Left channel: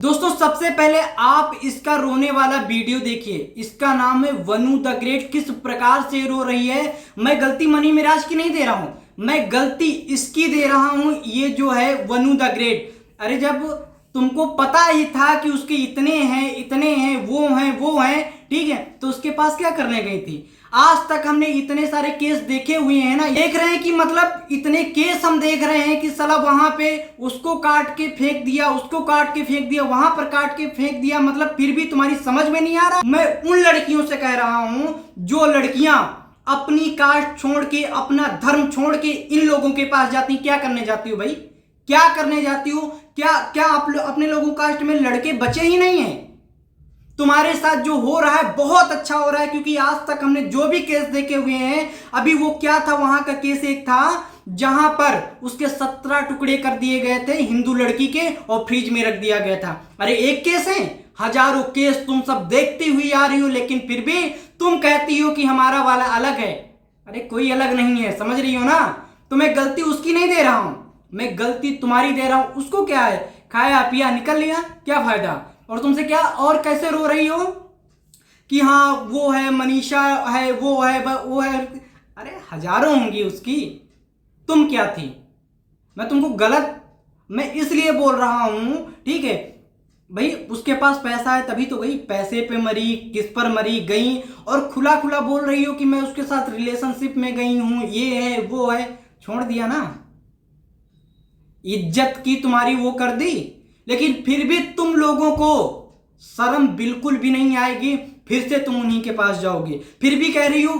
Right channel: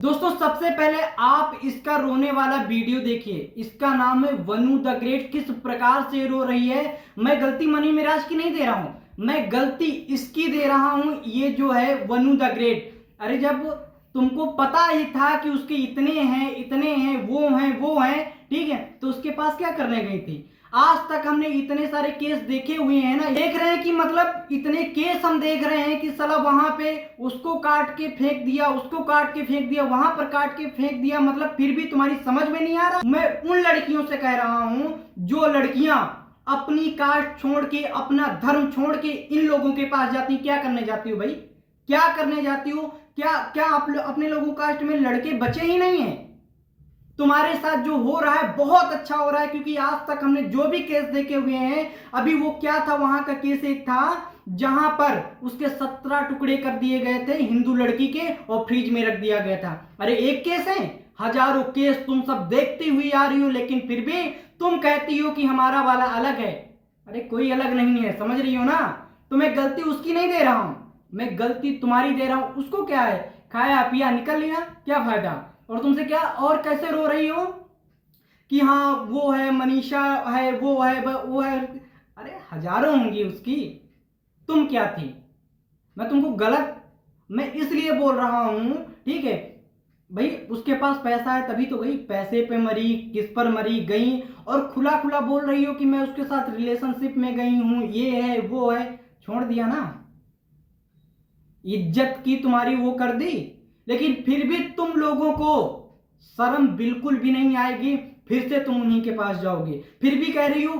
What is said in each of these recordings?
दोस्तों सबसे पहले आप इसका रोने वाला वीडियो देखिए। इसका नाम है वनु द ग्रेट। किस प्रकार से रो रही है। मैं गलती मनी मिराज की नहीं दे रहा हूं, मैं गलती इसकी दे रहा हूं। ये जो है वनु द ग्रेट, अरे जब तुमको पता ही था कि उसके इतने हैं वो हैं, ठीक है, तो उसके पास क्या करने गई थी। आज तक हमने इतने सारे केस देखे हुए हैं ना, देख रहे हैं कि मतलब इतने केस हम देख रहे हैं कि साला वहां पे उसको काट के फेंक दिया, उसको काट के फेंक दिया, वहां पर काट के फेंक दिया, मतलब फिर भी तुम्हारी समझ में नहीं आ रहा। मैं उन लड़कियों से कह रहा हूं जो लड़कियां अपनी कास्ट छोड़ के, अपना धर्म छोड़ के इन लोगों के पास जाती। क्या करने जाती हो भाई, क्या करने जाती हो। क्या आप अपने लोगों कास्ट में लड़के बचे ही नहीं है। तुम्हारे साथ जो हो रहा है बहुत अच्छा हो रहा है, क्योंकि आज तक हमने जो भी केस देखे हुए हैं, अभी वो क्या था, वहां का केस एक था जहां पर उसके 17 टुकड़े कर दिए गए थे हिंदू लड़की के और फ्रिज में रख दिया गया था। अरे एक केस है, हजारों केस तुम सब देखती हुई आ रही हो, लेकिन फिर भी तुम कहती हो कि हमारा वाला अलग है। अरे कोई अलग नहीं है, समझ रही हो ना। तो मैं गलती उसकी नहीं दे रहा हूं, मैं गलती तुम्हारी दे रहा हूं। उसको क्या है, खाया पिया निकल लिया, क्या फायदा। और तुमसे क्या और कैसे रो रही हो कि हाँ वो है, मनीषा है, वो है, वो है। अरे हजारों होंगी उसकी, तुम क्या थी। मैं तुमको गलत मैं इसलिए बोल रहा हूं, ठीक है भाई, उसके पास पैसा है तभी तो गई, पैसे पे मरी, किस पर मरी गई, और खुला खुला बोल रही हो कि मैं उसके साथ रिलेशनशिप में गई हूं, ये है वो है। छोड़ दिया ना, इज्जत की तुम्हारी वो कर दी, लेकिन फिर भी तुम लोगों को शर्म बिल्कुल भी नहीं आएगी। फिर से तुम उन्हीं के पास जाओगे। फिर भी कह रही हो,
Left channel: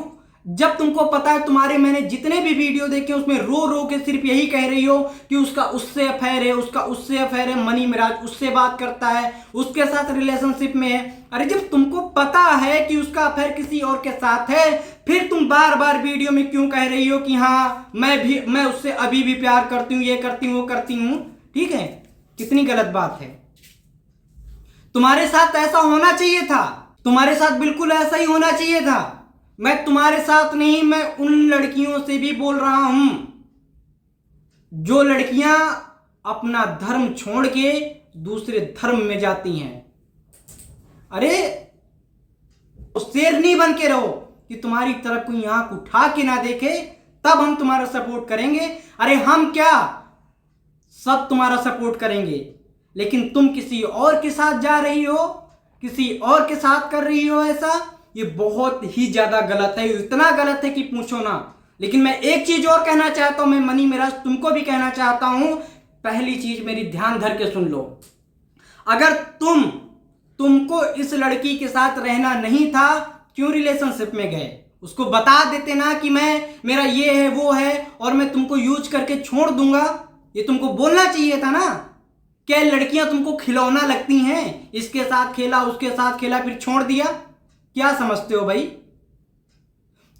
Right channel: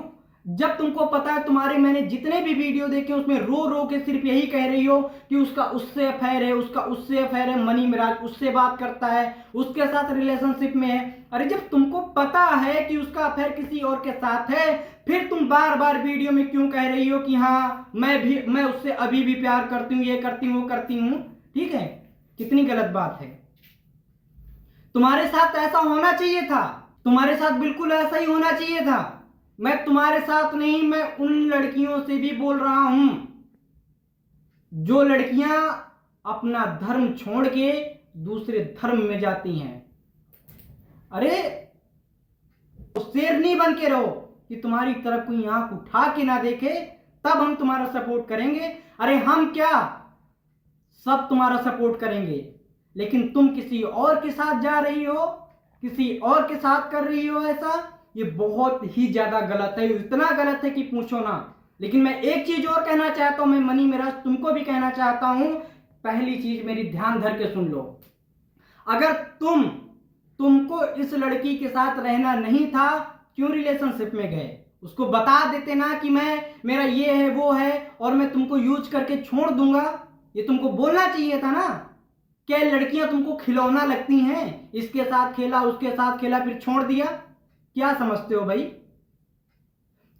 जब तुमको पता है, तुम्हारे मैंने जितने भी वीडियो देखे उसमें रो रो के सिर्फ यही कह रही हो कि उसका उससे अफेयर है, उसका उससे अफेयर है, मनी मिराज उससे बात करता है, उसके साथ रिलेशनशिप में है। अरे जब तुमको पता है कि उसका अफेयर किसी और के साथ है, फिर तुम बार बार वीडियो में क्यों कह रही हो कि हाँ मैं उससे अभी भी प्यार करती हूं, ये करती हूं, वो करती हूं। ठीक है, कितनी गलत बात है। तुम्हारे साथ ऐसा होना चाहिए था, तुम्हारे साथ बिल्कुल ऐसा ही होना चाहिए था। मैं तुम्हारे साथ नहीं, मैं उन लड़कियों से भी बोल रहा हूं जो लड़कियां अपना धर्म छोड़ के दूसरे धर्म में जाती हैं। अरे शेर नहीं बन के रहो कि तुम्हारी तरफ कोई आंख उठा के ना देखे, तब हम तुम्हारा सपोर्ट करेंगे। अरे हम क्या, सब तुम्हारा सपोर्ट करेंगे, लेकिन तुम किसी और के साथ जा रही हो, किसी और के साथ कर रही हो ऐसा, ये बहुत ही ज्यादा गलत है। इतना गलत है कि पूछो ना। लेकिन मैं एक चीज और कहना चाहता हूं, मैं मनी मिराज तुमको भी कहना चाहता हूं। पहली चीज मेरी ध्यान धर के सुन लो। अगर तुमको इस लड़की के साथ रहना नहीं था, क्यों रिलेशनशिप में गए। उसको बता देते ना कि मेरा ये है वो है और मैं तुमको यूज करके छोड़ दूंगा। ये तुमको बोलना चाहिए था ना। क्या लड़कियां तुमको खिलौना लगती हैं, इसके साथ खेला, उसके साथ खेला, फिर छोड़ दिया। क्या समझते हो भाई।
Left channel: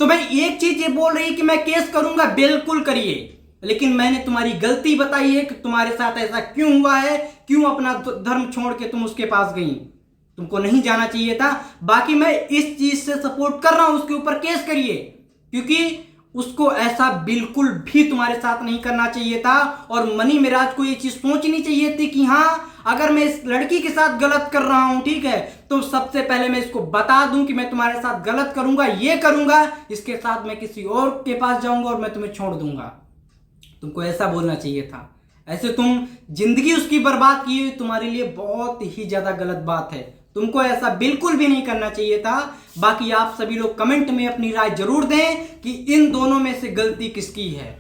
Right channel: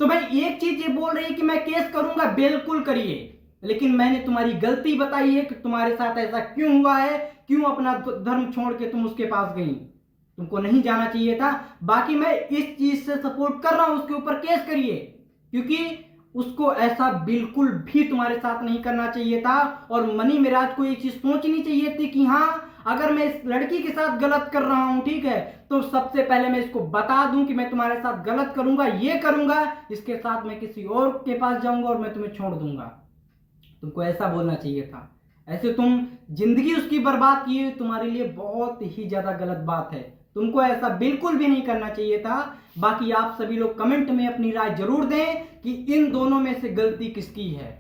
तो मैं एक चीज ये बोल रही कि मैं केस करूंगा, बिल्कुल करिए, लेकिन मैंने तुम्हारी गलती बताई है कि तुम्हारे साथ ऐसा क्यों हुआ है, क्यों अपना धर्म छोड़ के तुम उसके पास गई। तुमको नहीं जाना चाहिए था। बाकी मैं इस चीज से सपोर्ट कर रहा हूं, उसके ऊपर केस करिए, क्योंकि उसको ऐसा बिल्कुल भी तुम्हारे साथ नहीं करना चाहिए था। और मनी मिराज को ये चीज सोचनी चाहिए थी कि हाँ, अगर मैं इस लड़की के साथ गलत कर रहा हूं, ठीक है, तो सबसे पहले मैं इसको बता दूं कि मैं तुम्हारे साथ गलत करूंगा, ये करूंगा, इसके साथ मैं किसी और के पास जाऊंगा और मैं तुम्हें छोड़ दूंगा। तुमको ऐसा बोलना चाहिए था। ऐसे तुम जिंदगी उसकी बर्बाद की, तुम्हारे लिए बहुत ही ज्यादा गलत बात है। तुमको ऐसा बिल्कुल भी नहीं करना चाहिए था। बाकी आप सभी लोग कमेंट में अपनी राय जरूर दें कि इन दोनों में से गलती किसकी है।